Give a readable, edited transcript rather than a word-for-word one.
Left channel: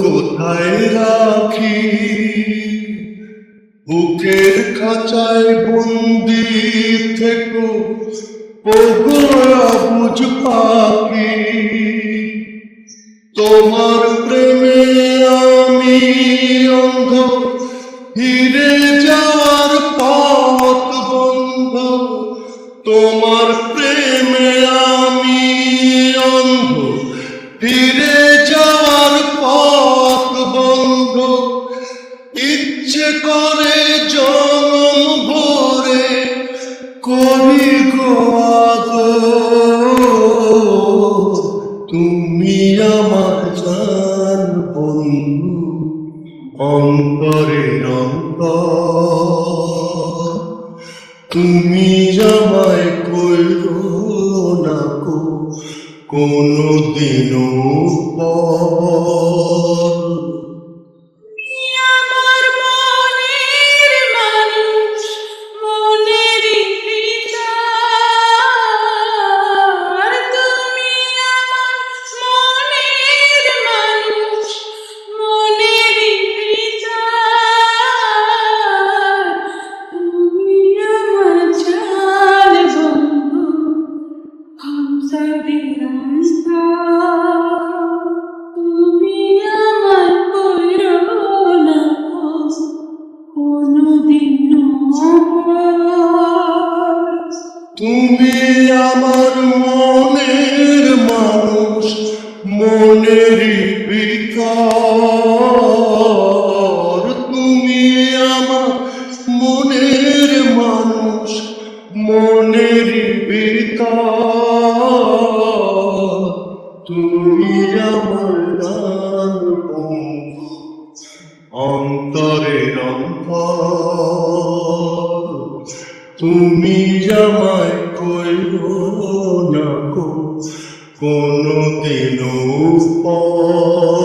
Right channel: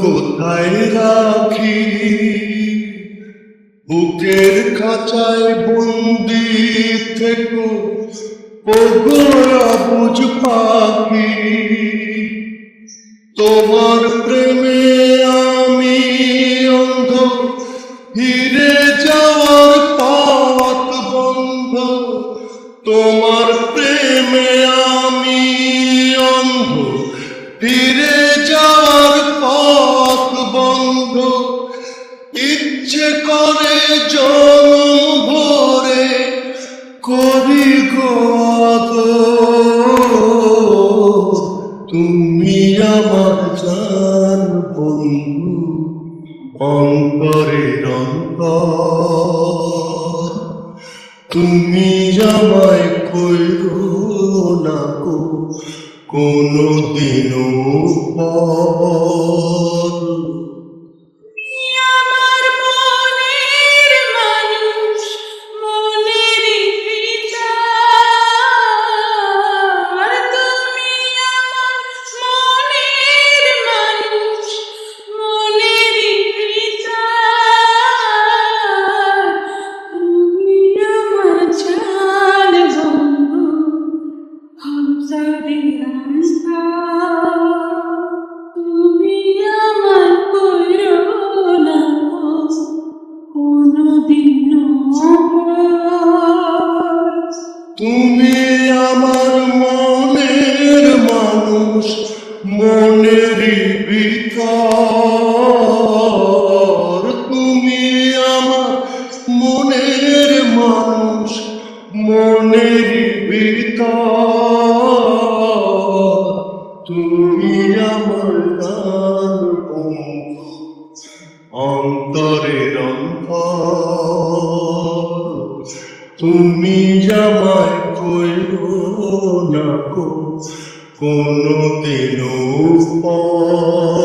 কোথায় রাখি বুকের খাঁচায় বন্দি থেকো ওগো অবুঝ পাখি তোমার প্রেমে আমি অন্ধ ফিরে যাওয়ার পথ বন্ধ তোমার প্রেমে আমি অন্ধ ফিরে যাওয়ার পথ বন্ধ ইচ্ছে করে জনম ভরে করি গো আদর তুমি আমার জান বন্ধু অন্তরের অন্তর তুমি আমায় কইরো না গো কোনদিনও পর তুমি আমার মনের মানুষ মনের ভিতর তুমি আমার মনের মানুষ মনের ভিতর তুমি আমার গান বন্ধু অন্তরের অন্তর তুমি আমায় কইরো না গো কোনদিনও পর